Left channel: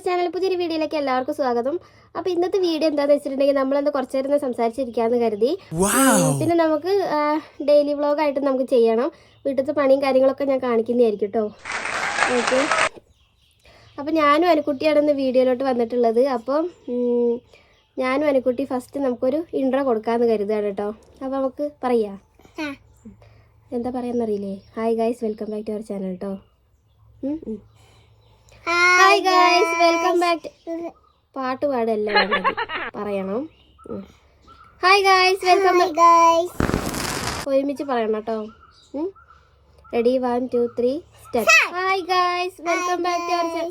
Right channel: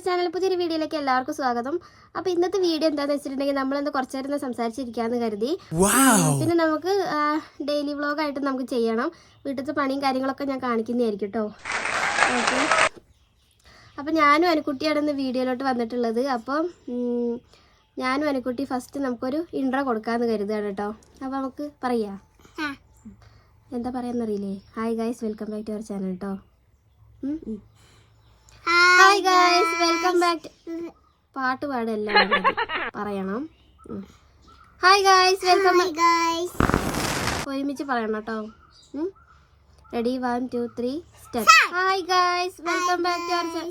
അവർ channel പുതിയൊരു വീഡിയോയിലേക്ക് എല്ലാവർക്കും സ്വാഗതം. അപ്പോൾ ഇന്നത്തെ വീഡിയോ എന്താണെന്ന് വെച്ചിട്ടുണ്ടെങ്കിൽ നമ്മളന്ന് കുറച്ച് നേരം സംസാരിച്ചിരിക്കാമെന്ന് കരുതി. പിന്നെ നമുക്ക് ഡെയിലി വ്ളോഗായിട്ട് നമുക്ക് ചെയ്യണം. വീട്ടിലത്തെ പണിയും കാര്യങ്ങളൊക്കെ ഞാൻ കാണിക്കുന്നതായിരിക്കും കേട്ടോ. ഓക്കെ, അപ്പോൾ ഞാനും അനുക്കുട്ടിയാണ് ഇന്ന് വീഡിയോയിലോട്ട് വന്നിട്ടുള്ളത്. അപ്പം ഞാനും അനുക്കുട്ടി ഫസ്റ്റ് നമുക്കൊരു ഇൻട്രോ കൊടുക്കാമെന്ന് കരുതുകയാണ് കേട്ടോ. അപ്പോൾ നമുക്ക് പറയാം, എന്താ പറയാന്നറിയില്ലേ? Hi guys, welcome back to our channel കേട്ടോ. Hi guys, welcome back. പാട്ട് പാടല്ല പറയണം. Hi guys, welcome guys. ഒരുമിച്ച് പറയണം കേട്ടോ. Ready, 1 2 3 start. Hi guys, welcome back to our channel.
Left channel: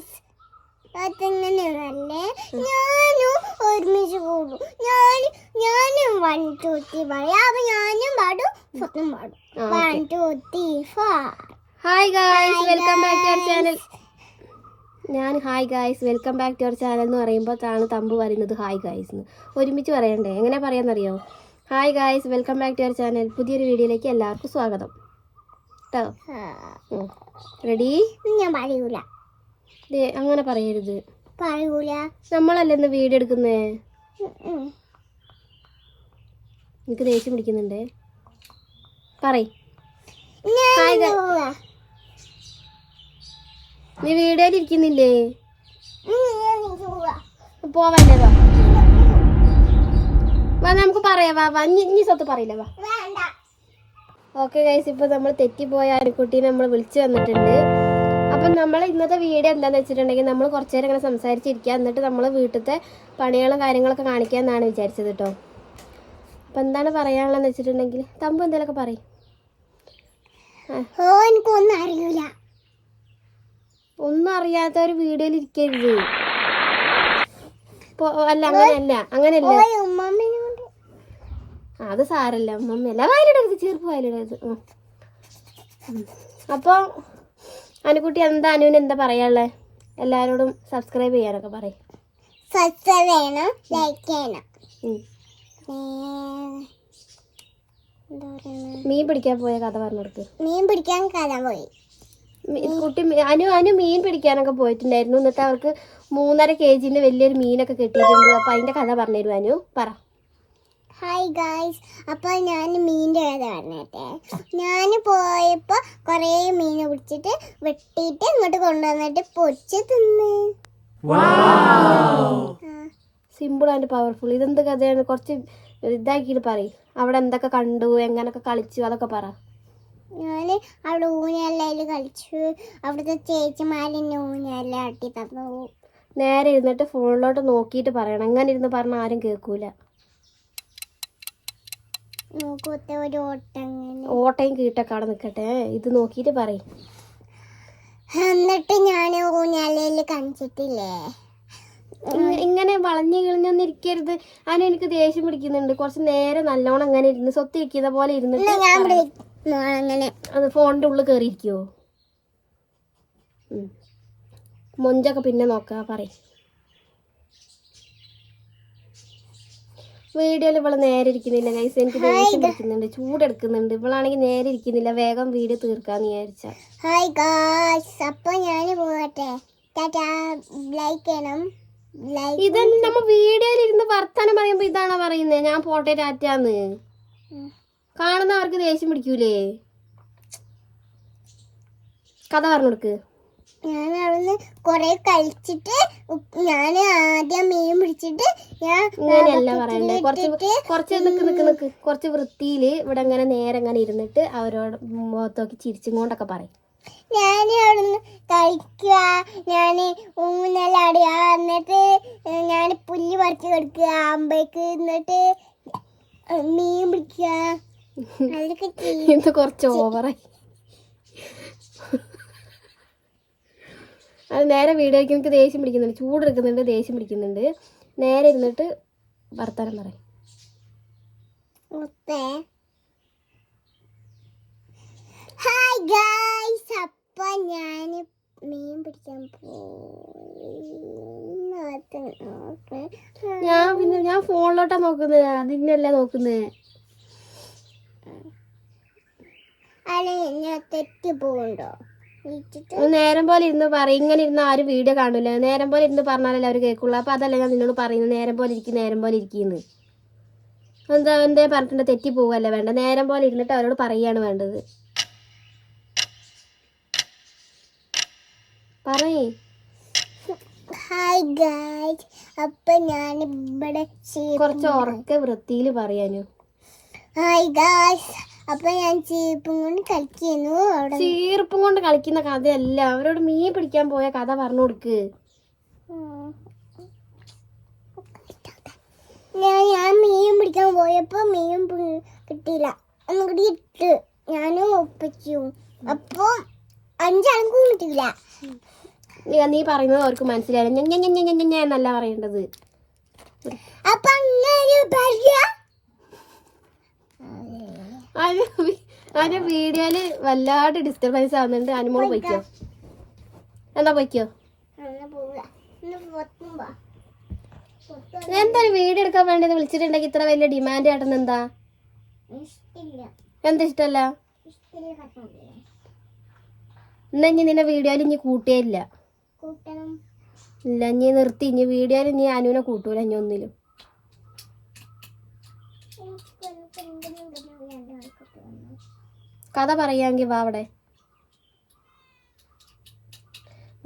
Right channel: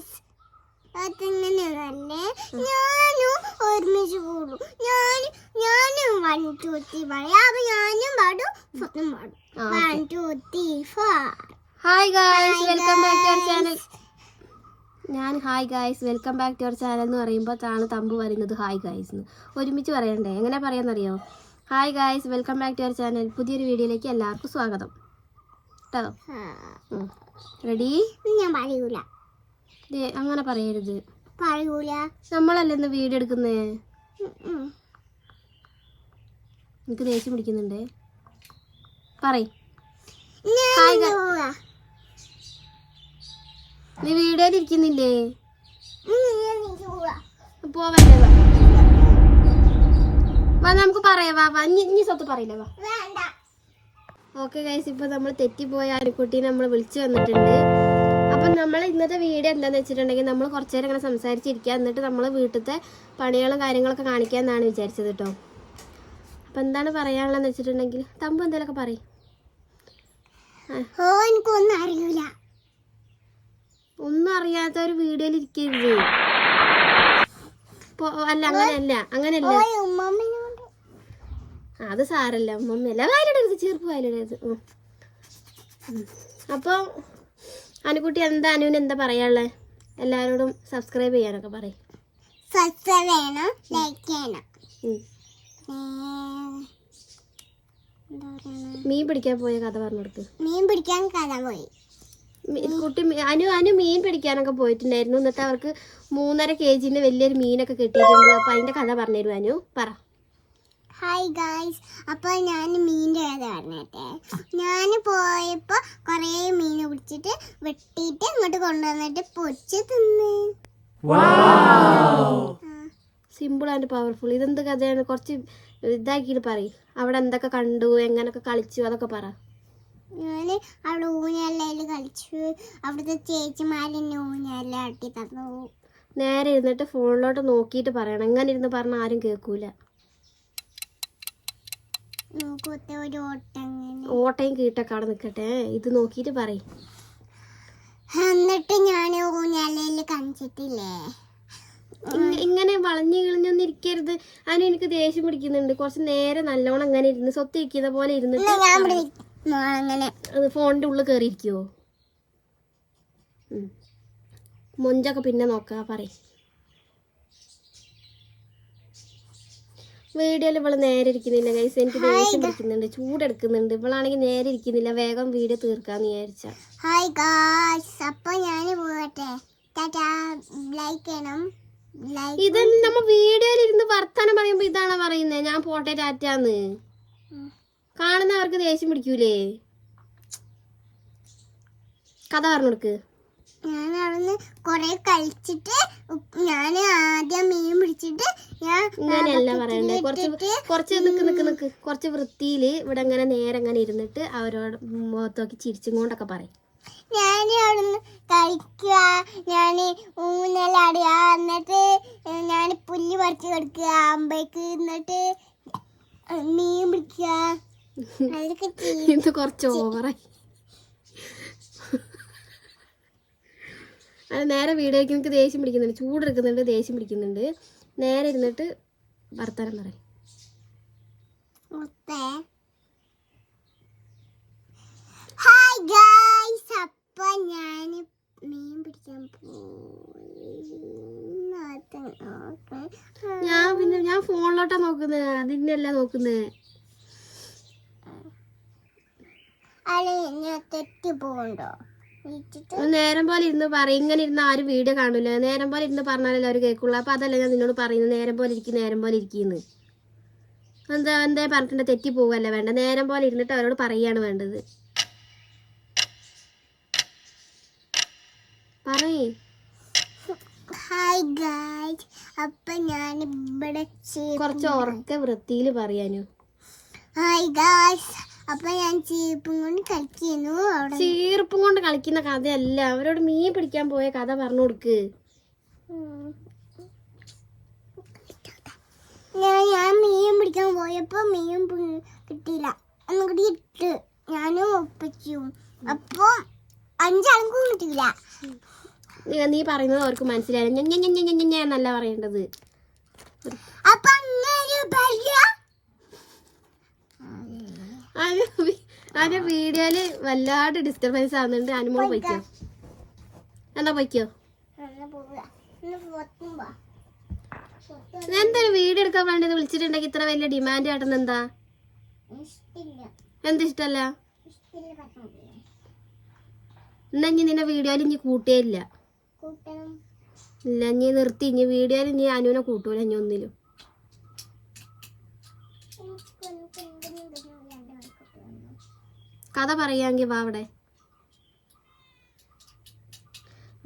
ഞാനും ഒരുമിച്ച് കൂടും. ഞാനും 1 2 3 പറയാം. അപ്പൊ ഞാനും പാടും, സ്വന്തം പാടും. 1 2 3 4. Hi guys, welcome back to our channel. ഞാൻ hi guys, welcome back to our channel എന്ന് പറയുമ്പോൾ തമ്പ് പറയുന്നത് ഹായ് ഗൈസ് എന്ന്. ഒരുമിച്ച് പറയണ്ടേ? എങ്ങനെ പറയാന്നറിയോ? Hi guys, welcome back to our channel. പുതിയൊരു വീഡിയോയിലേക്ക് എല്ലാവർക്കും സ്വാഗതം കേട്ടോ. റെഡി? ഞാൻ പറയൂല. അങ്ങനെ പറയരുത്. പറയൂല. നമ്മളല്ലേ ഇന്ന് വീഡിയോ എടുക്കുന്നേ. എനിക്ക് ദേഷ്യം പിടിക്കുന്നുണ്ടേ. പറയ്. നീ വീഡിയോയിൽ ഇരിക്കുന്നില്ലേ? പോവല്ലേ? വാ നമുക്ക് പറയാം. വാ ഇനി സ്വത്ത് പറയില്ല. വാ. ഓക്കെ ഗൈസ്, ഇപ്പൊ നമ്മൾ തെറ്റിപ്പോയ അനുക്കുട്ടീനെ നമ്മൾ വിളിച്ചു വന്നിട്ടുണ്ട്. അപ്പം നമ്മൾ ഇന്നത്തെ വീഡിയോ എന്താന്ന് വെച്ചിട്ടുണ്ടെങ്കിൽ നമ്മൾ കുറച്ചു നേരം ഇങ്ങനെ സംസാരിച്ചിരിക്കുക, എന്നിട്ട് നമ്മൾ വീട്ടിലത്തെ പണികളും കാര്യങ്ങളൊക്കെ കാണിക്കാമെന്നാണ് വിചാരിച്ചത് കേട്ടോ. അപ്പം എന്താണ് പറയാനുള്ളതെന്ന് വെച്ചിട്ടുണ്ടെങ്കിൽ തമ്പ് എന്തെങ്കിലുമൊക്കെ പറയും. എനിക്കൊന്നും അറിയില്ല. ഒന്നും അറിയാത്ത ഒരു വീഡിയോയിൽ ഇരിക്കരുത്. അല്ല, അങ്ങനെയല്ല. അത് സാരല്ല, ഉമ്മല്ല. വയലിടരുത്, ചെറുപ്പ് വയലിടരുത്. അപ്പോൾ അനുക്കുട്ടി അനുവിന് എന്താ പറയാനുള്ളത്? എല്ലാവരോടും സബ്സ്ക്രൈബ് ചെയ്യാനൊക്കെ പറയും. സബ്സ്ക്രൈബ് ചെയ്യണം, ലൈക്ക് ചെയ്യണം. മീൻ പിടിക്കാൻ പോയ കഥ പറഞ്ഞു കൊടുക്ക്. മീൻ പിടിക്കാൻ കഥ പോയി. കുട്ടി അനു മീൻ പിടിക്കാനൊക്കെ പോയിട്ടുണ്ടായിരുന്നു. എന്നിട്ട് അവർക്ക് 3.5 kg വലിയൊരു മീനൊക്കെ കിട്ടിയിട്ടുണ്ട്. അപ്പൊ അതിന്റെ കഥ പറഞ്ഞുതരും. അനു പറ. ഹായ് ഗായ്സ്, അപ്പോൾ ഞാൻ മീനിൻ്റെ കഥ പറഞ്ഞിട്ടെ. ഞാൻ പോയപ്പോൾ കുറേ മീൻ പിടിച്ചിട്ട് വെട്ടിയിട്ട് ഇങ്ങോട്ട് കൊണ്ടുവന്നിട്ട് പൊരിച്ച് തിന്ന്. Simple and powerful. ഇതെന്ത് കഥയാണ്? കുറച്ച് ഇതാക്കിയിട്ട് പറയും. അവിടെ എന്തൊക്കെ കണ്ടു, എങ്ങനൊക്കെ കളിച്ചു, അതൊക്കെ പറ. ഞാൻ അവിടെ ഊഞ്ഞാലയിൽ കളിച്ചു. അവിടുത്തെ ചേച്ചിമാരെന്നെ ഊഞ്ഞാല ആട്ടി തന്നു. നേരെ ഇരുന്നിട്ട് ഫോണിലോട്ട് നോക്കിയിട്ട് പറയണം. എങ്ങനെ ഇരുന്ന് പറഞ്ഞാൽ ആരും കേൾക്കൂല. ഓട്ടയും കീട്ടൊക്കെ അവിടെ നിൽക്കട്ടെ. ഇത് നോക്കിയിട്ട് പറയും. എന്നിട്ട് ഞാൻ ഊഞ്ഞാലയിൽ കാണിച്ചിട്ടില്ലേ? ഇങ്ങനെ വളഞ്ഞു കിളിഞ്ഞൊന്നും ഇരിക്കരുത്. അതിന് എനിക്ക് ദേഷ്യം പിടിക്കുന്നുണ്ട്. കുറച്ച് നേരെ നല്ലോണം അങ്ങനെ ഇരുന്ന് സ്വത്ത് ഇരിക്കുന്ന പോലെ ഇരുന്നിട്ട് അങ്ങനെ അത് ഫോണിന്റെ ഉള്ളിൽ കയറിയിരിക്കുവോ? മൊഞ്ചൊക്കെ പിന്നെ നോക്കാം. പറയും. വീഡിയോയിൽ ഇവള് നേരെ ഇരിക്കുന്നില്ല ഗൈസ്. എനിക്ക് ദേഷ്യം പിടിക്കുന്നുണ്ട്, ചൂടെടുക്കുന്നുണ്ട്. ഇവളാണെങ്കിൽ നേരെ ഇരിക്കുന്നില്ല. വേഗം വീഡിയോ തീർക്കാന്ന് വിചാരിച്ച. ഹായ് ഗായ്സ്, അപ്പോൾ ഞാൻ പോകട്ടെ. ടാറ്റാ, ലൈക്ക് ചെയ്യണം. ഇതെന്ത് നമ്മ വീഡിയോയിൽ ഇരുന്ന് വർത്താനം പറയുമ്പോ ഇതാണോ പറയുന്നത്? ഞാൻ പോട്ടെ ടാറ്റാന്ന്. കാണുന്നവർക്ക് ദേഷ്യം പിടിക്കൂലേ? കഥ പറഞ്ഞു കൊടുക്ക്. ഞാൻ അവിടുന്ന് കൊറേ കളിച്ചിട്ട് ഞാൻ ആദ്യം മീൻ പിടിച്ചിട്ട് ഇങ്ങനെയല്ല പറയണ്ടേ. കുറച്ച് നിക്ക് കുറച്ച് വൃത്തിയില് ഇവിടെ ഇങ്ങനെ നേരെ ഇങ്ങനെ ഇരുന്നിട്ട് അവരോട് മുഖത്തോക്കി ചിരിച്ചും കൊണ്ടൊക്കെ പറയും. ഞാൻ അവിടുന്ന് കളിക്കുക, ഞാൻ ഊന്നലാടുക, എന്നിട്ട് ഞാൻ പുല്ല് പറിച്ച് കൊടുക്കുക അമ്പയ്ക്ക്, എന്നിട്ട് മീൻ പിടിക്കുക. ഇത് കുറച്ച് ഓവറായി. അത് നേരെ വീഡിയോയ്ക്ക് എനിക്ക് ദേഷ്യം പിടിക്കുന്നുണ്ട്, ചൂടെടുക്കുന്നുണ്ട്, ദേഷ്യം പിടിക്കുന്നുണ്ട്. നേരെ ഇരുന്നിട്ട് വർത്താനം പറയും. ഹായ് ഗായ്സ്, അപ്പൊ ഞാൻ മീൻ പിടിക്കാൻ ഞാൻ ഫോണിലോട്ടാ നോക്കുന്നത്, അതിനല്ല നോക്കുന്നത്. ഞാൻ തെറ്റി പോകണ്ടോ? വിളിച്ചിട്ട് നേരം പോലെ ഇരുന്ന് പറയും. ഇങ്ങനെ ഇരുന്ന് ആരും വീഡിയോ കാണില്ല. നേരം പോലെ ഇരുന്ന് പറഞ്ഞാലല്ലേ അവർ കേൾക്കുള്ളൂ. അപ്പോൾ അതല്ല ഞാൻ നിന്നോട് പറയുന്നത്, നേരം പോലെ ഇരിക്കുന്നു. എന്തേ പറഞ്ഞിട്ടുണ്ട്, തെറ്റി പോവല്ലേ വേണ്ട. നേരം പോലെ ഇരുന്നിട്ട് അവരോട് പറയാണ് വേണ്ടത്. പറയേ. ഹായ് ഗായ്സ്, അപ്പൊ ഞാൻ ഇവിടെ കുറച്ച് ഉറക്കെ വൃത്തിയിൽ പറയാനു. ഹായ് ഗായ്സ്, അപ്പൊ ഞാൻ ചീപ്പും കൊണ്ട് കളിക്കുന്നു. അവിടെ ചീർപ്പും കൊണ്ട് കളിക്കുന്ന കഥയല്ല, അവരോട് മീൻ പിടിക്കാൻ പോയ കഥ പറഞ്ഞു കൊടുക്ക്. ഞാൻ മീൻ പിടിക്കാൻ പോയപ്പോ മീൻ കിട്ടിയില്ല. ഒന്നുകൂടി ഇട്ട് ഞാനും ഒപ്പിച്ചു. അപ്പൊ 5 ആൾക്കും കിട്ടിയില്ല. നീ പറയുന്നത് അവർക്ക് മനസ്സിലായില്ല. എന്നല്ല പറയേണ്ടത്. അപ്പൊ അതിന്റെ വീഡിയോയില് വല്ലാണ്ട് ഡിസ്റ്റർബൻസ് ആവുന്നുണ്ട്. അനുമോള് പൊയ്ക്കോ. എന്താ പൊയ്ക്കോ? എന്തൊരു വീഡിയോ എടുക്കാൻ വേണ്ടി വിളിച്ചിട്ടുണ്ടെങ്കിൽ ഇത്ര വലിയ ഡിമാൻഡ് ആട്ടെന്ന് എന്താ? എന്താ ഇഷ്ടല്ല? എന്നാ ഇനി നിന്നെ വീഡിയോയിൽ ഇനി കൂട്ടിയേ ഇല്ല. ഇല്ല, ഇനി നിർത്തി. ഇനി വീഡിയോയിൽ ഇനി അനുവിനെ കൂട്ടൂല ഇനി ഒന്നിലും. കഥ പറയാങ്കി വാ, അവിടെ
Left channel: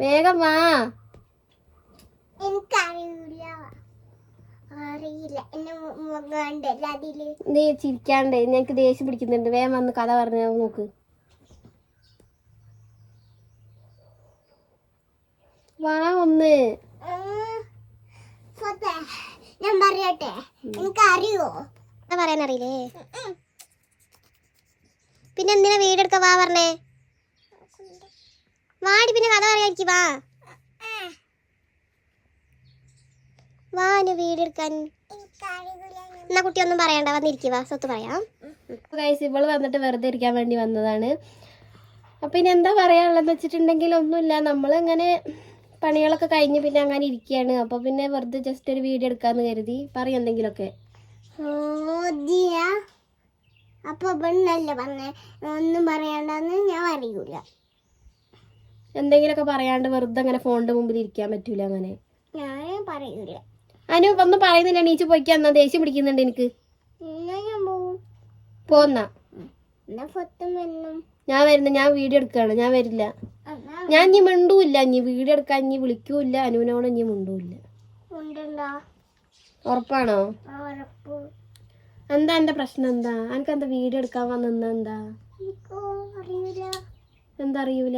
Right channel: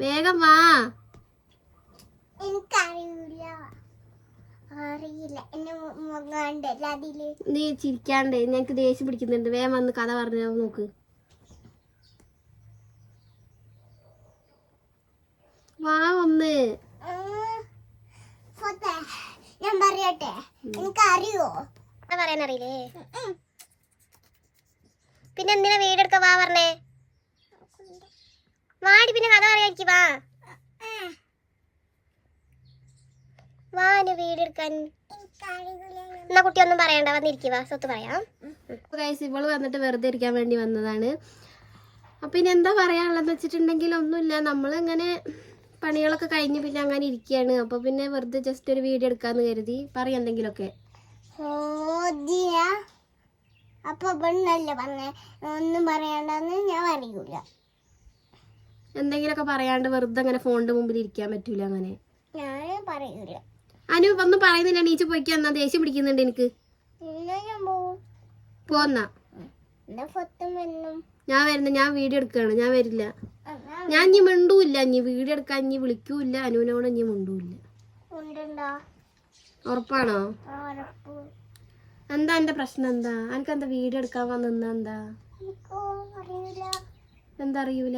വേഗം വാ. നീ ചിരിക്കാണ്ട്, ഞങ്ങക്ക് ദേഷ്യം പിടിക്കുന്നുണ്ട്. വേഗം വന്ന് കഥ പറഞ്ഞ നോക്ക്. വാ ഒന്ന്. ഞാൻ പറയട്ടെ, എനിക്ക് അറിയോ? പറയാനറിയില്ലേ? പിന്നെ എന്തിനാ വീട് എടുക്ക? വാ പറഞ്ഞേ. വാടി, പിന്നെ കഥ പറയാനിക്ക്. വാ വാ, എന്റെ വീട് എടുക്കാൻ. എന്നാ കുട്ടി ഒന്നും പറയണ്ട, വന്നിരിക്കുക. സ്വത്ത് പറയാം. ഇവള് വന്നിട്ട് വെറുതെ ഇരിക്കാൻ വേണ്ടി വന്നതാണ്. അപ്പൊ ഇനി എന്താ പറയാനുള്ളതെന്ന് വെച്ചിട്ടുണ്ടെങ്കിൽ ഒന്നുമില്ല. നമ്മളിങ്ങനെ പണികളൊക്കെ കഴിഞ്ഞ് പിന്നെ അങ്ങനെ ഇരിക്കുകയാണ്. അപ്പൊ പിന്നെ വെറുതെ ജസ്റ്റ് ഒരു വീഡിയോ എടുക്കാന്ന് കരുതി. പറയും എന്തെങ്കിലുമൊക്കെ. അപ്പൊ പെണ്ണല്ലേ പറഞ്ഞേ, ഒന്നും പറയണ്ടെന്ന് ഞാൻ അറിയൂല. എന്തെങ്കിലുമൊക്കെ പറയാണ്ട് വെറുതെ അങ്ങനെ ഫോണിന്റെ മുമ്പിൽ ഇരിക്കാൻ പറ്റൂല. അങ്ങനെ ഞാൻ പറയൂല. അനു ഒന്നും പറയുന്നില്ല. നീച്ച് പോയിക്കാ. എന്നാ ദേഷ്യം പിടിക്കുന്നുണ്ട് എനിക്ക്. പോന്നാ ഞാൻ വരുന്ന. ഞാൻ വീഡിയോ എടുക്കുകയാണ്. ഞാൻ വരില്ല. ഞാൻ ഇനി മിണ്ടൂല്ല. ഇനി വീഡിയോ എടുക്കാൻ ഇനി വിളിക്കൂല്ല. അനുവിനോട് ഇനി മിണ്ടൂല്ല. ഉറപ്പാണോ? എന്താ എന്റെ പ്രശ്നം? എന്താ എനിക്കെന്താ വീഡിയോ എടുക്കാൻ വന്ന? എന്താ എന്താ അറിയൂല?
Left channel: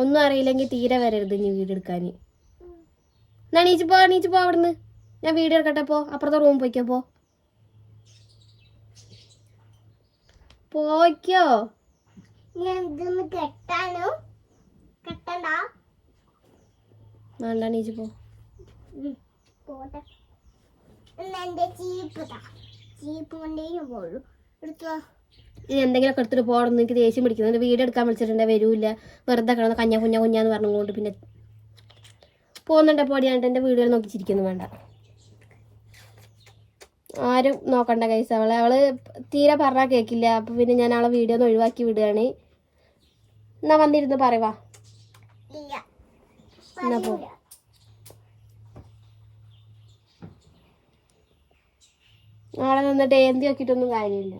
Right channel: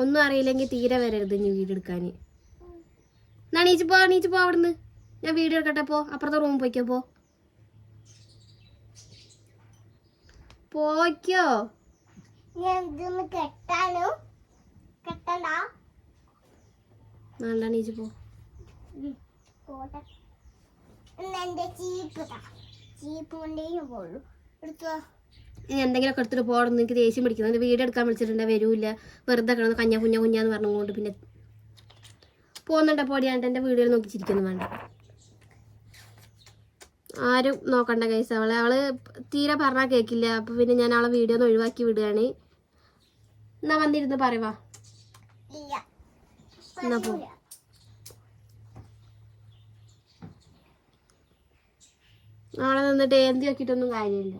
ഒന്നും അറിയില്ലെങ്കിൽ തീരെ വരരുത് ഇനി വീഡിയോ എടുക്കാൻ. എന്നാ നീച്ച് പോ അവിടുന്ന്. ഞാൻ വീഡിയോ എടുക്കട്ടെ. പോ, അപ്പുറത്തെ റൂം പോയിക്കോ. പോയിക്കോ. വേണ്ട, നീച്ച് പോ. ഇനി എന്തെങ്കിലുമൊക്കെ എടുത്തിട്ട് പോകണം. എനിക്ക് ദേഷ്യം പിടിക്കുന്നത്. വീഡിയോ എടുക്കാൻ വിളിച്ചിട്ടുണ്ടെ വരൂല്ല. വെറുതെ കിടന്ന് കുഞ്ഞാന്ന് പറഞ്ഞുകൊണ്ട് പിന്നെ പോകുന്നുണ്ടെ പോടിയാണ്ട് എൻ്റെ വീഡിയോ നോക്കി ചിരിക്കുന്നു. വേണ്ട, ആരും നോക്കണ്ട കൈസ്. അവള് തീരെ പറഞ്ഞാൽ കേൾക്കില്ല. അപ്പൊ പിന്നെ ഞാൻ അവളെ വീഡിയോ ഒന്ന് ഒഴിവാക്കി വിടുകയാണ്. എന്നാ വന്നിരുന്ന് പറയുവാ. എന്നാ പോ. നാളെ നിന്നിട്ട് ഏന്തി നോക്കിയിട്ടൊന്നും കാര്യമില്ല.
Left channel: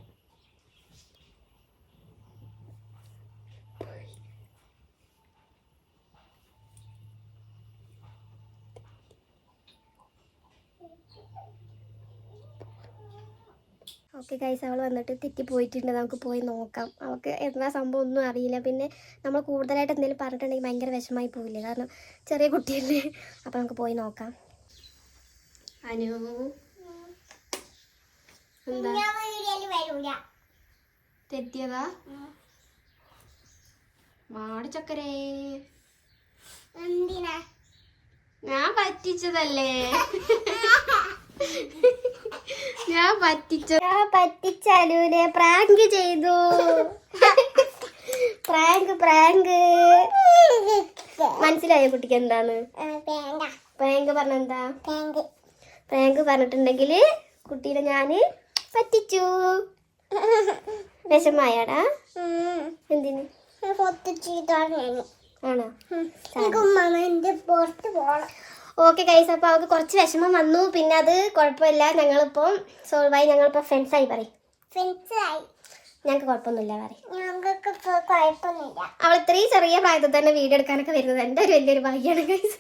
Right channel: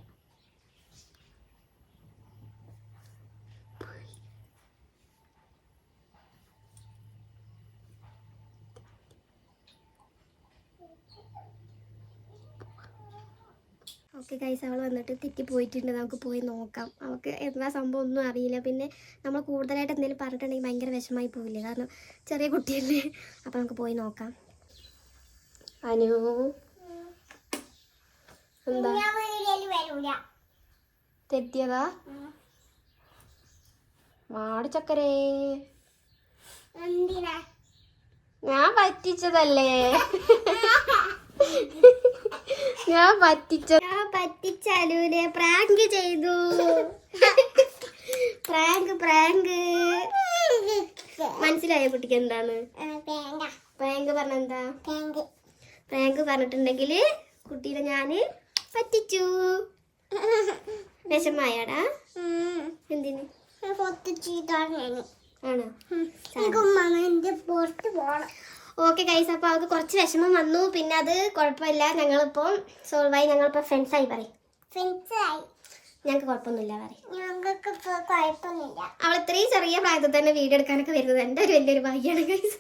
ഓക്കെ ഗൈസ്, അവൾ വന്നിട്ട് തെറ്റിപ്പോയിട്ടുണ്ട്. നമുക്ക് പോയി നോക്കാം. അവൾക്ക് എന്താ സംഭവം ഒന്നും അറിയില്ല. പിന്നെ നമ്മൾ കൂടുതലായിട്ട് എന്തെങ്കിലും പറഞ്ഞിട്ടുണ്ടെങ്കിൽ ഭയങ്കര വിഷമായി പോവില്ലേ? കാരണം ചെറിയ കുട്ടിയല്ലേ. അപ്പം നമുക്ക് പോയി നോക്കാം. അനു എന്താ തെറ്റിയതാ? മാടിച്ചക്കരേ, ഞാൻ പറ്റിച്ചതല്ലേ. ഞാൻ പറ്റിച്ചാലൂലെ. പ്രാങ്ക് ചെയ്തു. പ്രാങ്ക് മനസ്സിലായോ കുട്ടിക്ക് എന്താണ് പ്രാങ്ക് പറഞ്ഞെന്താ? പ്രാങ്ക് പറഞ്ഞിട്ടുണ്ടെങ്കിൽ കുട്ടീനെ ഞാന് പറ്റിച്ചു. വിഷമായാടാ? എന്തിന്? മൊത്തം ചീത്താണു ആണോ? ഉമ്മന്റെ പുറത്ത് പോണം. ഓക്കെ ഗൈസ്, അപ്പോൾ അവൾക്ക് കുറച്ച് വിഷമം വന്നു. പിന്നെ അത് കുഴപ്പമില്ല, ഞങ്ങളിപ്പം സോൾവായി, ഞങ്ങളിപ്പോൾ ഫ്രണ്ട്സായി പറയും. ഫ്രണ്ട്സായി. ഞങ്ങൾക്ക് കുഴപ്പമൊന്നുമില്ല പറയും. ഞങ്ങൾക്ക് കുഴപ്പമൊന്നുമില്ല. അവൾ ഇത്രയും ചെറിയ പ്രായത്തിൽ തന്നെ വീഡിയോ എടുക്കാനൊക്കെ വരുന്നത് എൻ്റെ ഒരു വലിയൊരു ഭാഗ്യമാണ് ഗൈസ്.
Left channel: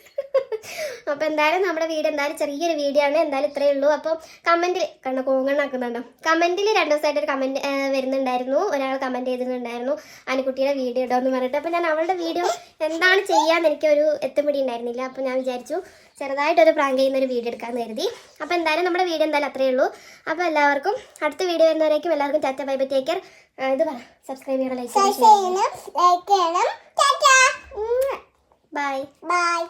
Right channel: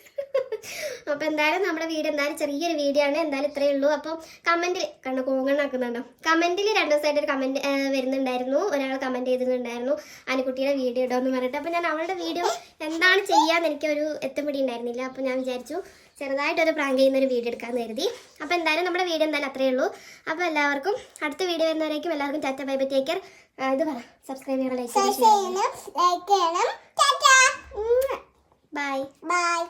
അപ്പോൾ എന്തായാലും നമ്മുടെ വീഡിയോ എന്തായാലും ചെറിയൊരു വീഡിയോ ആണ്. എന്തായാലും ഇത്രയേ ഉള്ളൂ. അപ്പം കമൻറ്റിൽ കണ്ട കോങ്ങണ്ണാക്കുന്നുണ്ടോ, കമൻറ്റിൽ 2 ദിവസമായിട്ടൊരു കമൻറ്റ് വരുന്നുണ്ടായിരുന്നു. ഒരാൾ കമൻറ്റ് ചെയ്തിട്ടുണ്ടായിരുന്നു അനുക്കുട്ടിയുടെ വീഡിയോ ഇടുമെന്ന് പറഞ്ഞിട്ട്. അപ്പോൾ ഞാൻ അവളുടെ വീഡിയോ എന്താണ് ചെയ്യാമെന്ന് എനിക്കൊരു എത്തുപിടി ഉണ്ടായിരുന്നില്ല. അപ്പോൾ ഞാൻ വിചാരിച്ചു ചെറുതായിട്ടൊരു പ്രാങ്ക് ചെയ്യുന്നൊരു വീഡിയോ എടുക്കാമെന്ന് കരുതി. അപ്പോൾ എന്തായാലും നമ്മുടെ വീഡിയോ എന്തായാലും അത്രയേ ഉള്ളൂ. അപ്പോൾ എല്ലാവർക്കും അടുത്ത വീഡിയോ വരുന്നവരേക്കും എല്ലാവർക്കും Tata bye bye, take care. ഇത് പറ, സബ്സ്ക്രൈബ് ചെയ്യണം, ലൈക്ക് ചെയ്യണം, ലൈക്ക് ചെയ്യണം. Bye bye.